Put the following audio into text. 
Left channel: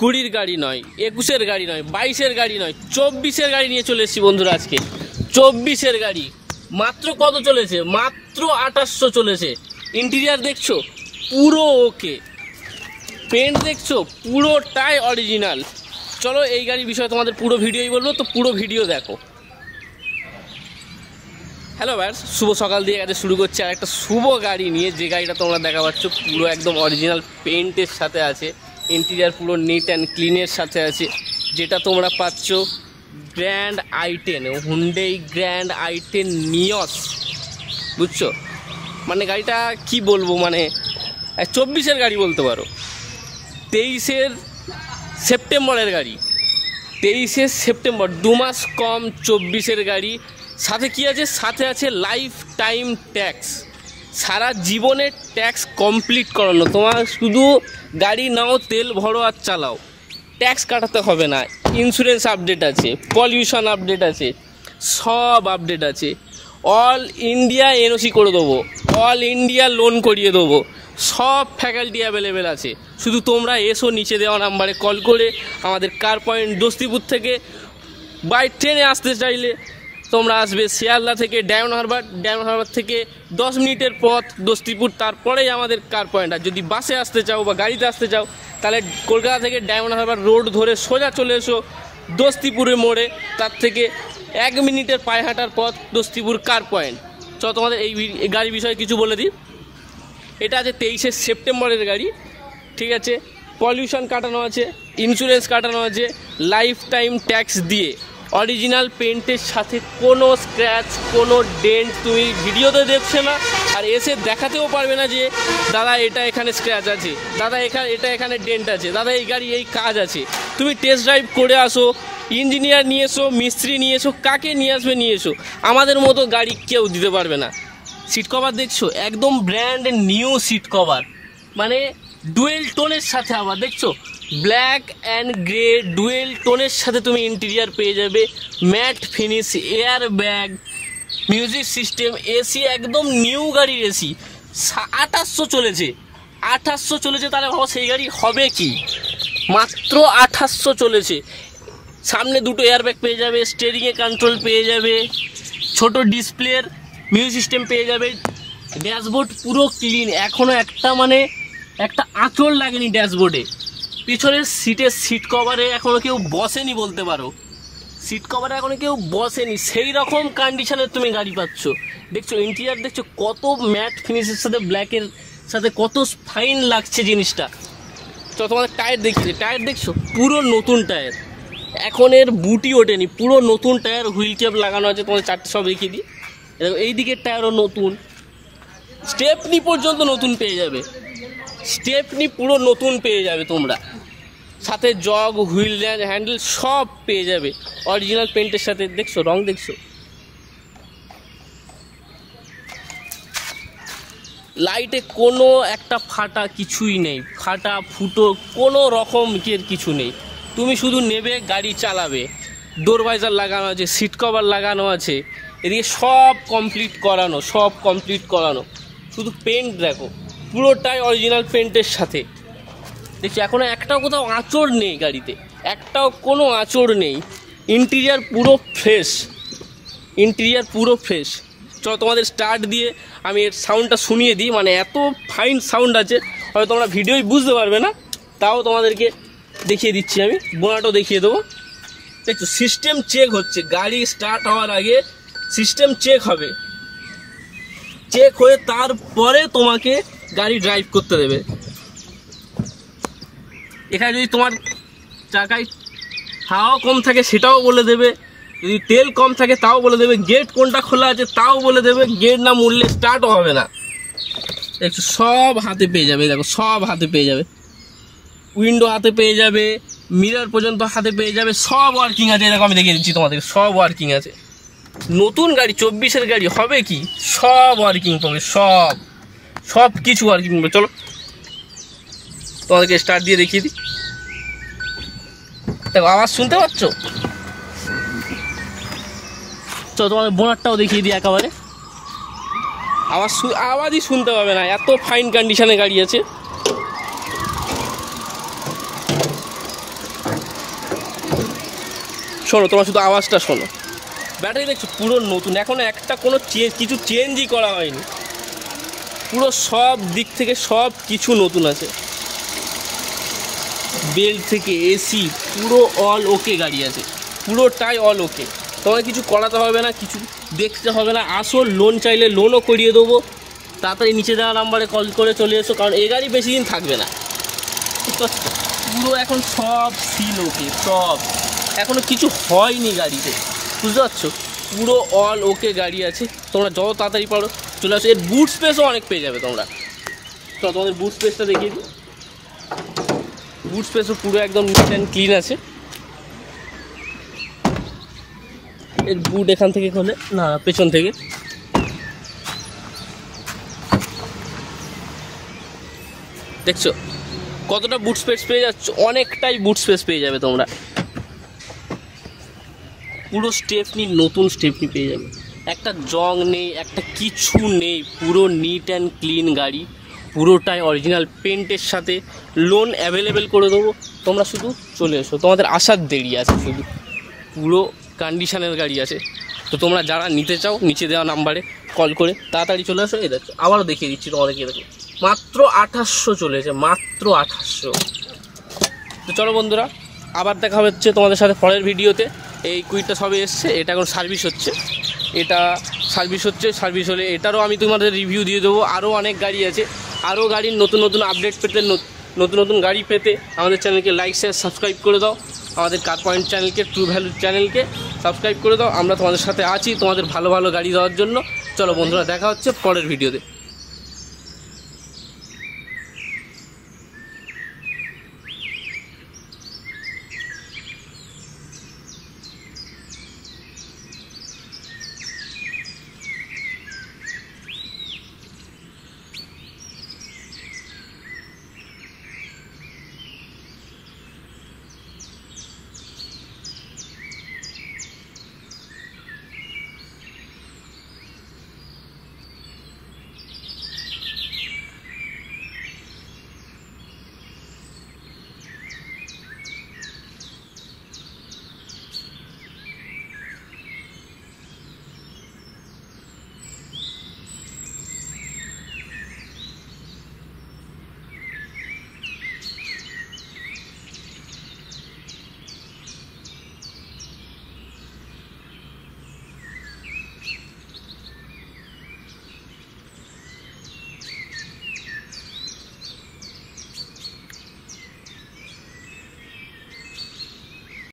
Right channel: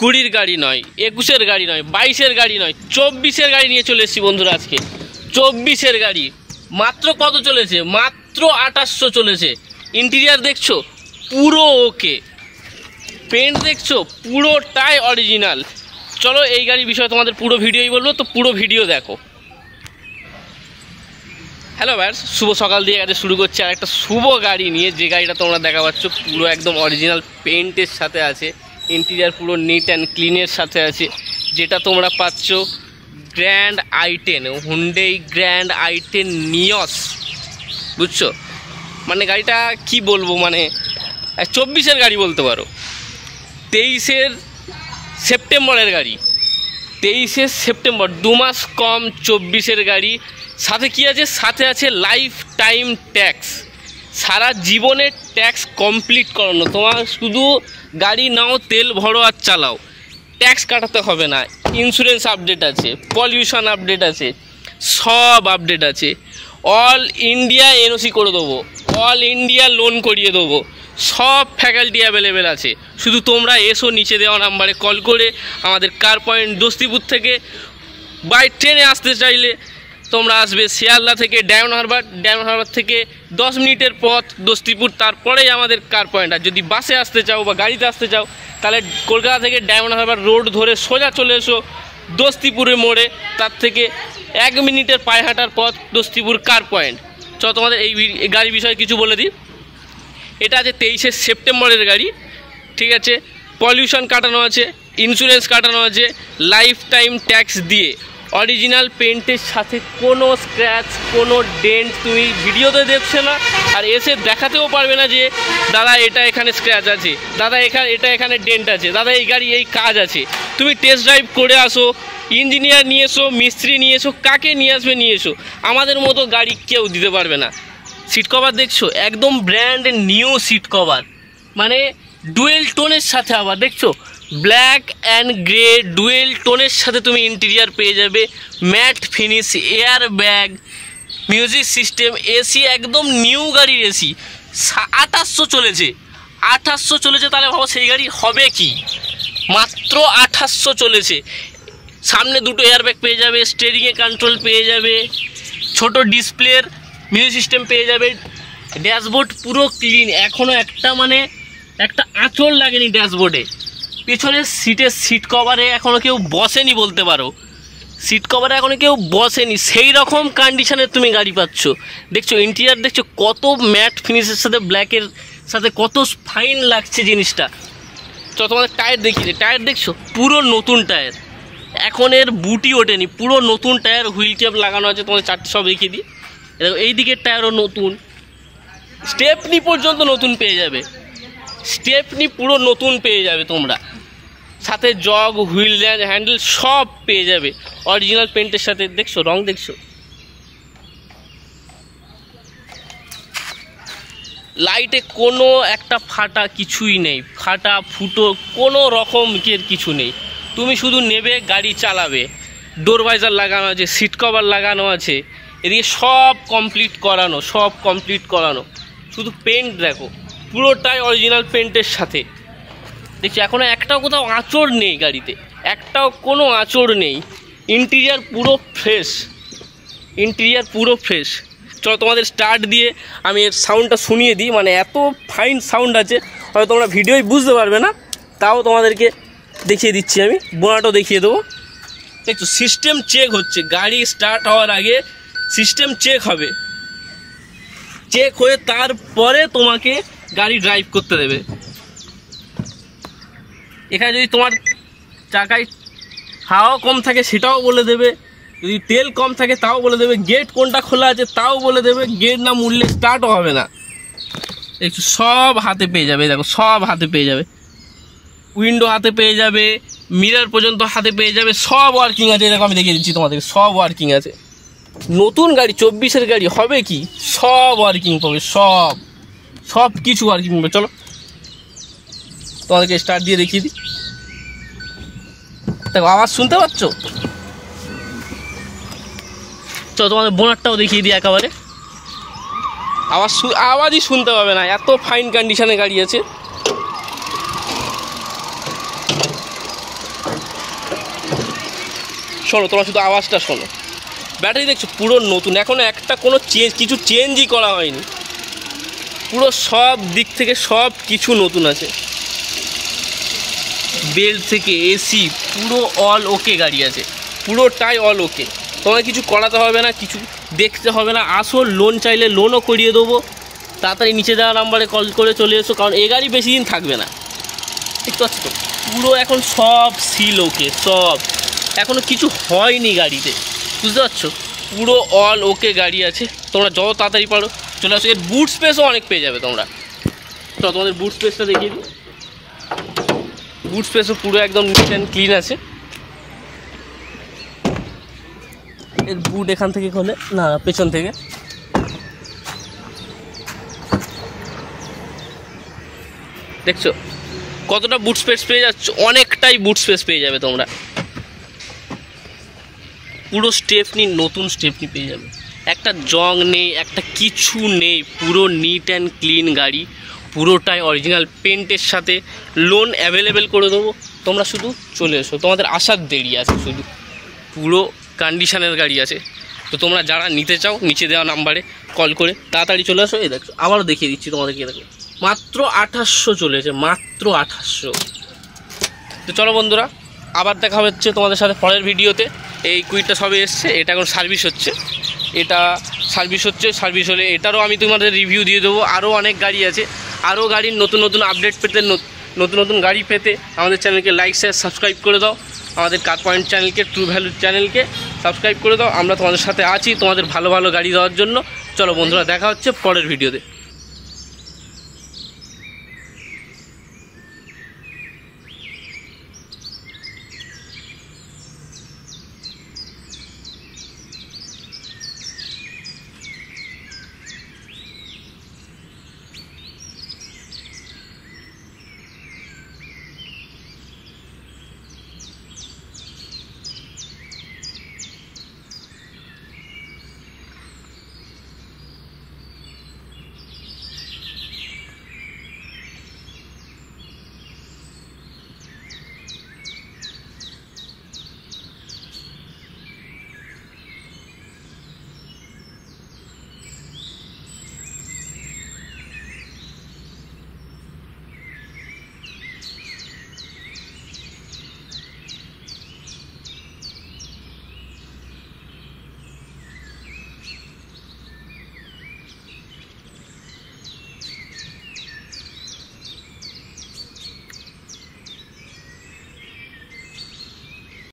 20-র গাড়ি নয়, 21-এর গাড়ি নয়, 22-এর গাড়ি নয়, 24-এর গাড়ি নিয়ে চলে এসেছি বন্ধুরা। আজকে 24-এর গাড়ি মাত্র কত চলেছে? মাত্র 2800 চলেছে। ইন্টেরিয়ার দেখছো পুরো ওকে, পেন্ট দেখছো পুরোটাই অরিজিনাল। চলো এই গাড়ির বিষয়ে তোমাদের পুরো ভিডিওই বলবো, তো পুরো ভিডিও দেখো। হ্যালো ভাইয়ার্স, শুভ সকাল দিয়ে গাড়ি শুরু করছে আর একটা শুভ গাড়ি নিয়ে। যে গাড়িটা তোমরা দেখা পাচ্ছ পুরো একদম অরিজিনাল পেন্টের সাথে আছে, ইন্টেরিয়ার পুরো নিট অ্যান্ড ক্লিনের সাথে আছে। যেটা তোমরা পাচ্ছ grand i10, Hyundai grand i10 নিয়স, বুঝছো? মানে গাড়িটা কি বলবো, মানে 24-এর গাড়ি বলতে পারো। 23-এর সেপ্টেম্বরের গাড়ি, 23শে সেপ্টেম্বর, 2 মাস কম 24-এর গাড়ি। সাথে কি আছে? সাথে আছে লাইফ টাইম ট্যাক্স, সারা জীবনের ট্যাক্স কমপ্লিট করানো। তোমার শুধু গাড়ি নাও, তেল ভরো আর চালাও, ট্যাক্স কাটাতে হবে না। ইন্স্যুরেন্স আপডেট আছে, পলিউশন আপডেট আছে, সব আপডেট আছে। অল ইন্ডিয়া এনওসি করে দেবো, অল ইন্ডিয়া লোন করিয়ে দেবো, সব ফ্যাকাল্টি অ্যাভেলেবেল আছে। শুধু তোমরা এসো, নিচে দেওয়া নাম্বারে কল করে। আমাদের কার পয়েন্ট দোস্তিপুর থেকে বাই ট্রেনে আসতে চাইলে তোমরা আসবে শিয়ালদা থেকে ডায়মন্ড হারবার, ডায়মন্ড হারবার থেকে 10 মিনিটের পথ দোস্তিপুর, তারপরেই আমাদের কার পয়েন্ট। আর যদি বাসে আসতে চাও বা গাড়িতে আসতে চাও তাহলে কলকাতা থেকে ডায়মন্ড হারবার রোড ধরে সোজা চলে এসো দোস্তিপুরের মোড়ে, তার থেকে 1 মিনিটের পায়ে হাঁটার পথ দোস্তিপুর কার পয়েন্ট। চলো তোমাদের এই গাড়ির বিষয়ে কিছু বলে দিই। এটা আছে 23শে সেপ্টেম্বরের গাড়ি, ঠিক আছে? পলিউশন কাটানো আছে, ইন্স্যুরেন্স কাটানো আছে, লাইফ টাইম ট্যাক্স দিয়ে, অরিজিনাল পেন্টের সাথে, কোনো স্ক্র্যাচ কোনো ডেন্ট তুমি ভিডিওতে দেখছে না, আর এসে দেখাতেও পারবে না যে দাদা এটা এখানে স্ক্র্যাচ আছে, দাদা এটা এখানে ডেন্ট আছে, দাদা এই গাড়ি এই কাজ আছে। তুমি টেস্ট ড্রাইভ করে আসো, ইঞ্জিনিয়ার নিয়ে এসো, মিস্ত্রি নিয়ে এসো, কাকে নিয়ে আসবে নিয়ে এসো, আমাদের মতো গাড়ি কেউ দিতে পারবে না। সিট কভার দেখছো একদম ব্র্যান্ড নিউ সিট কভার, মানে ডুয়েল টোনের সাথে। আবার দেখছো ব্ল্যাক অ্যান্ড গ্রে ডুয়েল টোনের সাথে তুমি ইন্টেরিয়ার পেয়ে যাবে, mat finish, air bag, music system, AC একদম নিউ গাড়ির এসি। 2800 চলেছে, 2800 চলেছে, তাহলে ভাবো সেই গাড়ি হবে কি? মাত্র 2800 চলেছে। সামনে দুটো এয়ার ব্যাগ পেয়ে যাবে, স্টিয়ারিংয়ে কন্ট্রোল পেয়ে যাবে, ছোট ডিসপ্লের মিউজিক সিস্টেম পেয়ে যাবে, ড্যাশবোর্ড পুরো ক্লিন, এখনও একটা আঁচড় লাগেনি ড্যাশবোর্ডে। পেছনের সিট কভারে এখনও কেউ বসেনি বলতে পারো, সিট কভারে এখনও কেউ বসেনি, সেই রকম কন্ডিশনের তুমি গাড়ি পাচ্ছ। দেখছো ইন্টেরিয়ার দেখছো কত ম্যাট ফিনিশের সাথে ব্ল্যাকের সাথে কত ফাইন লাগছে জিনিসটা। তো তোমাদের টায়ার দেখিয়ে, টায়ার দেখছো পুরো নতুন টায়ার, এখন এর বুটি ওঠেনি, পুরো নতুন টায়ার, হুইল ক্যাপ লাগানো আছে। তোমাদের চারটে সব দেখিয়ে দিই, দেখো এই দিকের টায়ারও নতুন, স্টেপনি পর্যন্ত নতুন পেয়ে যাবে, স্টেপনি পুরো নতুন পেয়ে যাবে তোমরা, সাথে জগ, হুইল হ্যান্ডেল সব পেয়ে যাবে অরিজিনাল পেন্টের সাথে। দেখছো রং দেখছো, লাইটে কোনো একটা ফাটা কিছুই নেই, ফাটা ফুটো কোনো রকমের কিছু নেই। তুমি শুধু নেবে গাড়ি চালাবে, ডোর ভাইজার লাগানো আছে, সিট কভার লাগানো আছে, এদিকে সব কমপ্লিট করানো, সব কমপ্লিট করানো। শুধু পেন্ট দেখো পুরোটাই অরিজিনাল পেন্টের সাথে। দেখছি এখনও একটাও কোথাও আঁচড় নেই গাড়িতে, একটাও কোনো আঁচড় নেই। ইন্টেরিয়ার পুরো ফ্রেশ, ইন্টেরিয়ার পুরো ফ্রেশ। চলো তোমাদের স্টার্ট দিয়ে আমি এর সাউন্ডটা শুনিয়ে দিই, মানে এত ফাইন সাউন্ড আছে হয়তো তোমরা ভিডিওই বুঝতে পারবে না, তাও তোমাদেরকে দেখিয়ে দিচ্ছি আমি, বোনাটাও দেখিয়ে দেবো। দেখছো সিস্টেম চেক হচ্ছে, গাড়ি স্টার্ট হওয়ার আগে সিস্টেম চেক হবে, চেক হয়ে তারপরে তোমাকে গাড়ি ড্রাইভ করতে দেবে। এখানে যদি তোমার চাকায় হাওয়া কম থাকে সেটাও বলে দেবে, যদি তেল কম থাকে তাও বলে দেবে, গেট কোনটা খোলা আছে তাও বলে দেবে, গেট না মুড়লে স্টার্টও হবে না। একটু সব হাতে পেয়ে যাবে, দেখো সব হাতে পেয়ে যাবে, উইন্ডো হাতে পেয়ে যাবে, মিরর পর্যন্ত হাতে পেয়ে যাবে, সব ওয়ার্কিং আছে। এরকম আমি দেখিয়ে দিচ্ছি তোমাদের, সব ওয়ার্কিং আছে। নতুন গাড়ি 24-এর গাড়ি হবে কি, সব ওয়ার্কিং পাবে, সব কিছু ওয়ার্কিং পাবে। চলো তোমাদেরকে স্টার্ট দিয়ে দেখিয়ে দিই, দেখো আওয়াজ শুনতে পাচ্ছ? তো তোমাদের বোনারটাও দেখিয়ে দিই, একেবারে আওয়াজই শুনতে পাবে না, এত ফাইন কন্ডিশনে গাড়ি আছে। শোনো, তোমার শুধু আওয়াজটা শোনো। ব্যাটারি দেখছো পুরো নতুন, এখনও একটা কোনো কিছু চেঞ্জই করা হয়নি, পুরো সব দিক থেকে সব কিছু নতুন আছে। বেল্ট থেকে এসি পুরো অল ওকে গাড়ি আছে, পুরোটাই অল ওকে। তোমাকে কিছু করাতে হবে না, কিছু দেখতে হবে না। আসো, লোন চাইলে লোনও করিয়ে দেবো। তাড়াতাড়ি নিচে দেওয়া নাম্বারে কল করে চলে এসো, কারণ এ গাড়ি বেশি দিন থাকবে না। ঠিক আছে, পুরো এখন সব সিল ওকে, সব এখনও কিছু হয়নি গাড়িতে, বুঝতে পারছো? পুরো অল ওকে গাড়ি আছে। তোমরা যত তাড়াতাড়ি পারো চলে আসো। এর বুট স্পেসও অনেক পেয়ে যাবে তোমরা। তো তোমাদের বুট স্পেসটা দেখিয়ে দিই। বুট স্পেসও পুরো একদম নিট অ্যান্ড ক্লিন আছে। এর বুট এখান থেকে খোলে না, পেছন থেকে। দেখছো কতটা বুট স্পেস পেয়ে যাচ্ছ? অনেকটাই বুট স্পেস পেয়ে যাবে তোমরা। পুরো স্টেপনি, নতুন স্টেপনি পেয়ে যাবে, একটা জং নেই, একটা কিছু নেই, পুরো নিট অ্যান্ড ক্লিন গাড়ি, পুরোটাই অরিজিনাল পেন্টের সাথে। লোন অ্যাভেলেবেল করে দেবো, তোমরা শুধু চলে এসো। তোমাদের আসার দেরি আছে শুধু, পুরো কন্ডিশনের গাড়ি আছে। তো তোমরা যারা নিতে চাও নিচে দেওয়া নাম্বারে কল করে তাড়াতাড়ি চলে আসো। এই দেখো, আবারও দেখিয়ে দিচ্ছি তোমাদেরকে। দেখো মাত্র 2800 চলেছে, মাত্র 2800। তো চলো বন্ধুরা, আবার দেখা হচ্ছে তোমাদের সাথে পরের ভিডিওতে। এই কুইটটা সবে এসছে, এটা এখন সার্ভিস হচ্ছে, এটা সার্ভিস হচ্ছে। সার্ভিস হলে এটারও আমি তোমাদের রিভিউ দিয়ে দেবো। আরও অনেক গাড়ি আছে, আরও গাড়ির নতুন নতুন আপডেট পেতে, নতুন নতুন গাড়ি পেতে আমাদের চ্যানেলকে লাইক শেয়ার সাবস্ক্রাইব করে দাও। আমাদের কার পয়েন্ট চ্যানেলকে, ট্রু ভ্যালু চ্যানেলকে সাবস্ক্রাইব করে দাও। আমরা তোমাদের সাথে আছি তোমাদের ভালো ভালো গাড়ি দেওয়ার জন্য। চলো বন্ধুরা, দেখা হচ্ছে পরের ভিডিওতে।